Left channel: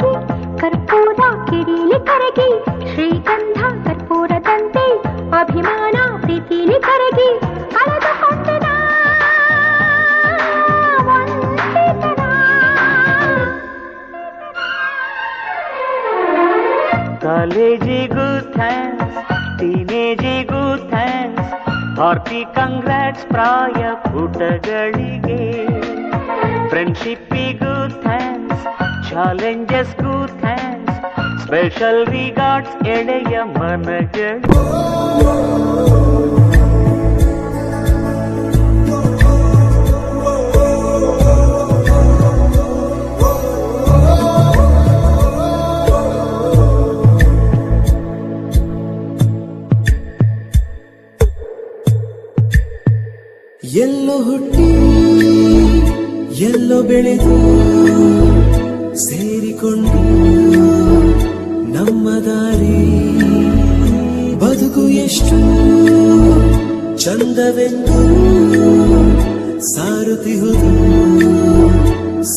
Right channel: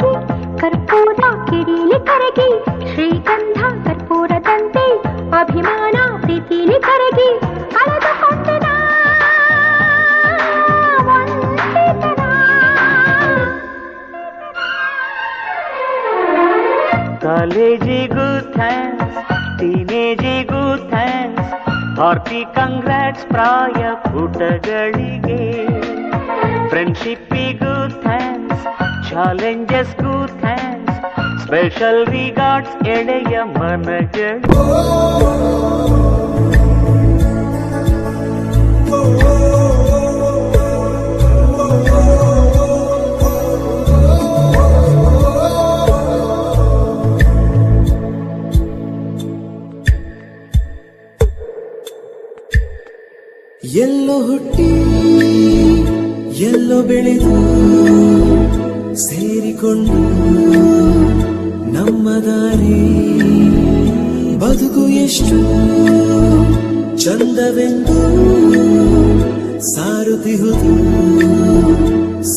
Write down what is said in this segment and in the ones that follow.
ಬೆಳಗಿ ಕರ್ಪೂರ ಕಿಡಿಲಿ ಕರಗಿ ಶ್ರೀಗಂಧ ಕರ್ಪೂರದಂತೆ ಅಭಿಮಾನ ಪ್ರೀತಿಲಿ ಕರಗಿ ಕಳೆದುಕೊಂಡೆನ ಕಾಲೇಜಿಗೂ ಥ್ಯಾಂಕ್ಸ್, ಟೀನೇಜಿಗೂ ಥ್ಯಾಂಕ್ಸ್, ಹಾರ್ಟಿ ಕಂಗ್ರಾಟ್ಸ್ ಪ್ರಾಯ ಪುಟಗಳಿಗೆ. ಫ್ರೆಂಡ್ಶಿಪ್ಪಿಗೂ ಥ್ಯಾಂಕ್ಸ್, ಚಾಲೆಂಜಸ್ಗೂ ಥ್ಯಾಂಕ್ಸ್, ಸ್ಪೆಷಲ್ ರಿಗಾರ್ಡ್ಸ್ ಎಳೆಯ ಮನಗಳು. ಎಲ್ಲೋ ಹುಟ್ಟಿ ಎಲ್ಲೋ ಬೆಳೆದು ಸೇರಿಕೊಂಡು ನಮ್ಮ ದಾರಿ ಬದುಕು ಎಷ್ಟು ಚಂದವೆಂದು ಸಾರುತ್ತಿಹುದು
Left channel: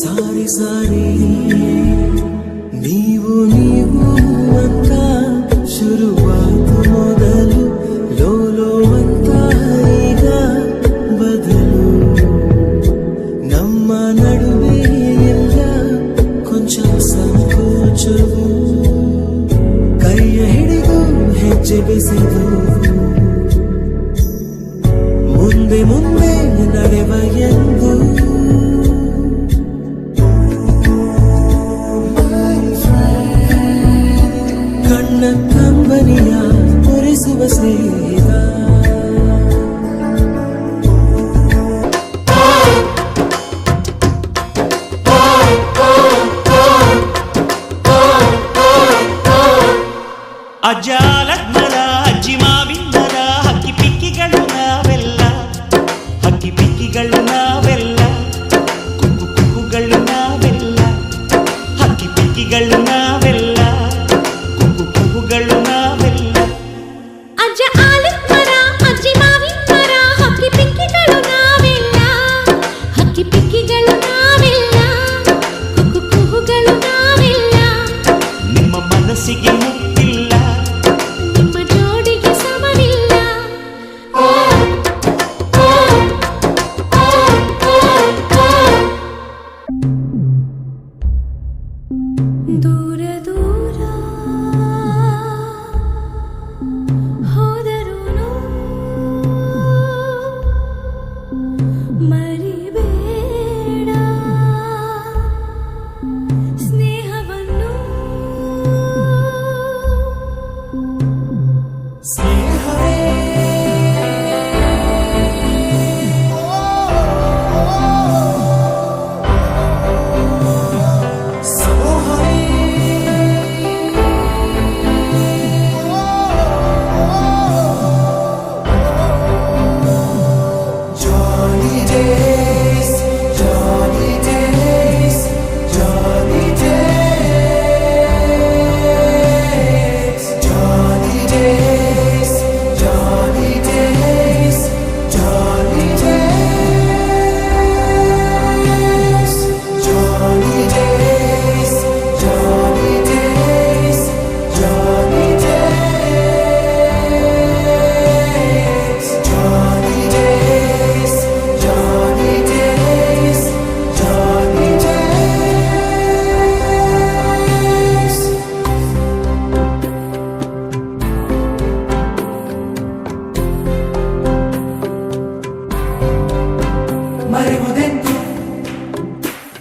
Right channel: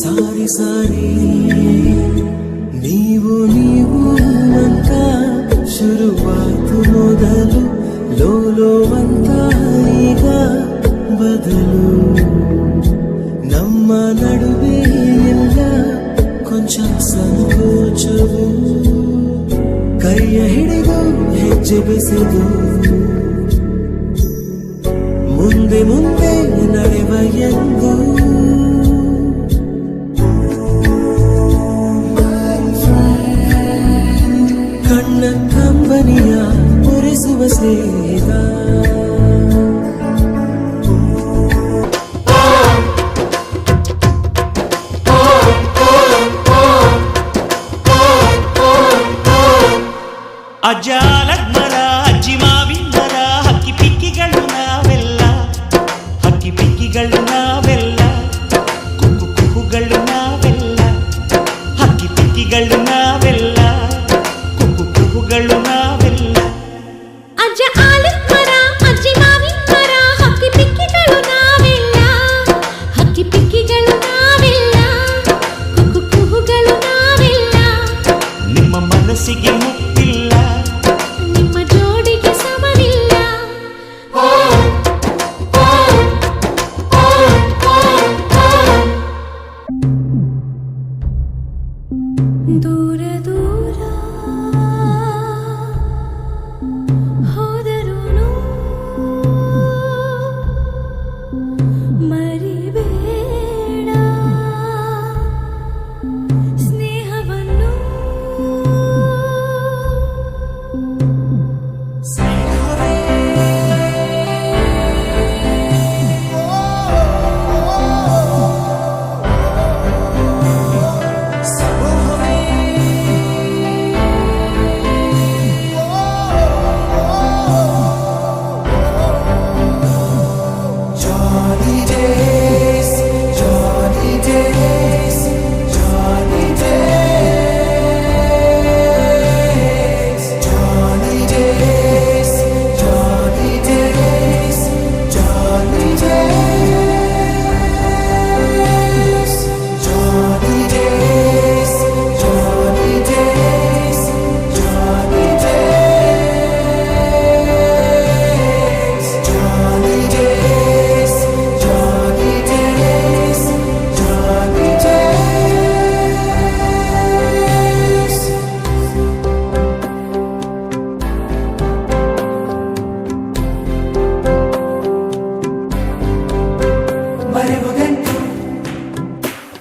ಸಾರಿ ಸಾರಿ. ನೀವು ನೀವು ಅಂತ ಶುರುವಾತು ಮೊದಲು ಲೋಲೋ ಅಂತ ಈಗ ಬದಲು. ನಮ್ಮ ನಡುವೆ ಎಲ್ಲ ಕೊಂಚ ಸಂಕೋಚವು, ಕೈಯ ಹಿಡಿದು ಹೆಜ್ಜೆ ಬೆಸೆದು ಮುಂದೆ ಮುಂದೆ ನಡೆವ ಎಂದು. ಕಣ್ಣ ಕಂಬನಿಯ ಪೊರೆಸುವ ಸ್ನೇಹಿತ. ಅಜ್ಜ ಆಲದ ಅಜ್ಜಿ ಮಾವಿನ ಮರ, ಹಕ್ಕಿ ಪಿಕ್ಕಿಗಳು ನಾವೆಲ್ಲ, ಹಕ್ಕಿ ಪಿಕ್ಕಿಗಳು ನಾವೆಲ್ಲ, ಕುಕ್ಕು ಕುಕ್ಕುಗಳು ನಾವೆಲ್ಲ, ಹಕ್ಕಿ ಪಿಕ್ಕಿಗಳು ನಾವೆಲ್ಲ, ಕುಕ್ಕು ಕುಕ್ಕುಗಳು ನಾವೆಲ್ಲ. ಅಜ್ಜ ಆಲದ ಮರ, ಅಜ್ಜಿ ಮಾವಿನ ಮರ, ಹಕ್ಕಿ ಪಿಕ್ಕಿಗಳು ನಾವೆಲ್ಲ, ಹಕ್ಕಿ ಪಿಕ್ಕಿಗಳು ನಾವೆಲ್ಲ, ಕುಕ್ಕು ಕುಹುಗಳು ನಾವೆಲ್ಲ. ನಿಮ್ಮ ಮನಸ್ಸಿಗೆ ಮುಟ್ಟಿಲ್ಲ, ನಿಮ್ಮ ಜೋಡಿಗೆ ಸಮವಿಲ್ಲ. ದೂರ ದೂರ ಹೋದರೂನು ಮರಿಬೇಡ ಸ್ನೇಹವನ್ನು.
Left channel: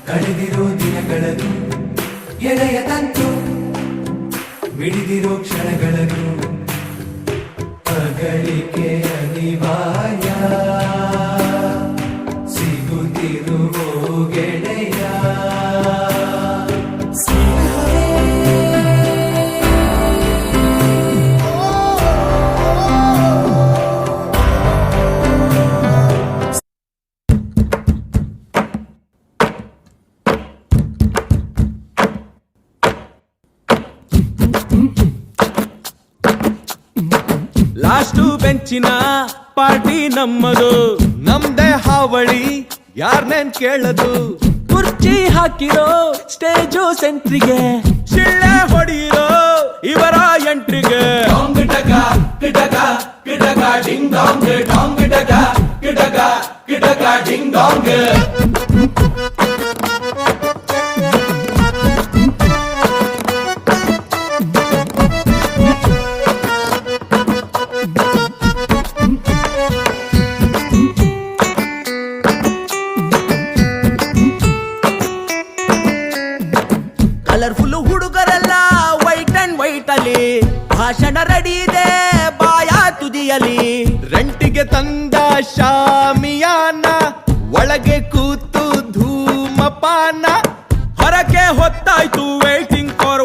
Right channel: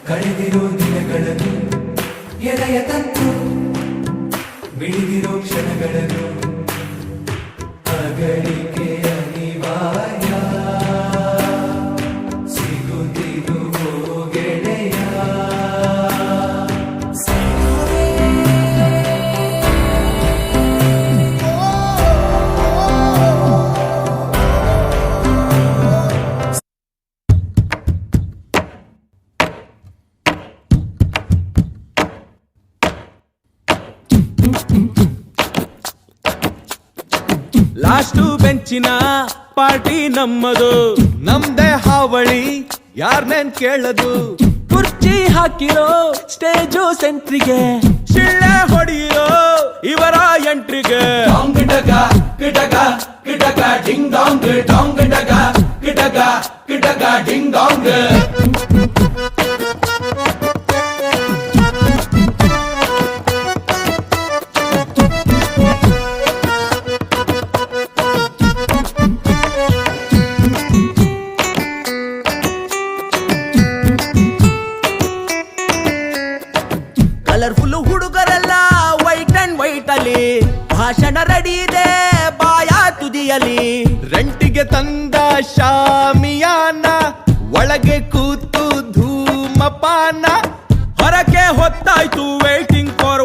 ಕಳೆದಿರೋ ದಿನಗಳನ್ನು ಎಳೆಯ ತಂತು ಬಿಡಿದಿರೋ ಕ್ಷಣಗಳನ್ನು ಅಗಲಿಕೆ ಅನಿವಾರ್ಯ ಸಿಗುತ್ತಿರುವೋ ಗೆಳೆಯ. ಲಾಸ್ಟು ಬೆಂಚಿನ ಪಾರ್ಟಿ ನಮ್ಮದು, ನಮ್ದೇ ಹಾವಳಿ ಯಾರ್ನೇನ್ ಕೇಳದು. ಕುರ್ಚಿ ಕುರ್ಚಿ ಹಾಕಿರೋ ಸ್ಟೇಜು ಸೆಂಟ್ರಿಗೆ ಶಿಳ್ಳೆ ಹೊಡೆಯಿರೋ ಇವರ ಎಂಟ್ರಿಗೆ ಗಿಡಗ ಗಿಡಗ ಗಿಡಗ ಡಿಂಗ್ ಡಾಂಗ್ ಡಾಂಗ್ ಗಿಡಗ ಗಿಡಗ ಗಿಡಗ ಡಿಂಗ್ ಡಾಂಗ್ ಕಲರ್ಫುಲ್ ಹುಡುಗರೆಲ್ಲ ವೈಟ್ ಅಂಡ್ ವೈಟ್ ಅಲ್ಲಿ ಭಾಷಣ ರೆಡಿ ಇದೆ ಬಾಯ ತುದಿಯಲಿ ರೆಂಟಿಗೆ ತಂದ ಶಾಮಿಯಾನ ಒಳಗೆ ಕೂತು ಧೂಮಪಾನ ಹೊರಗೆ ಹೊತ್ತಾಯ್ತು ವೇಟಿಂಗ್ ಫಾರ್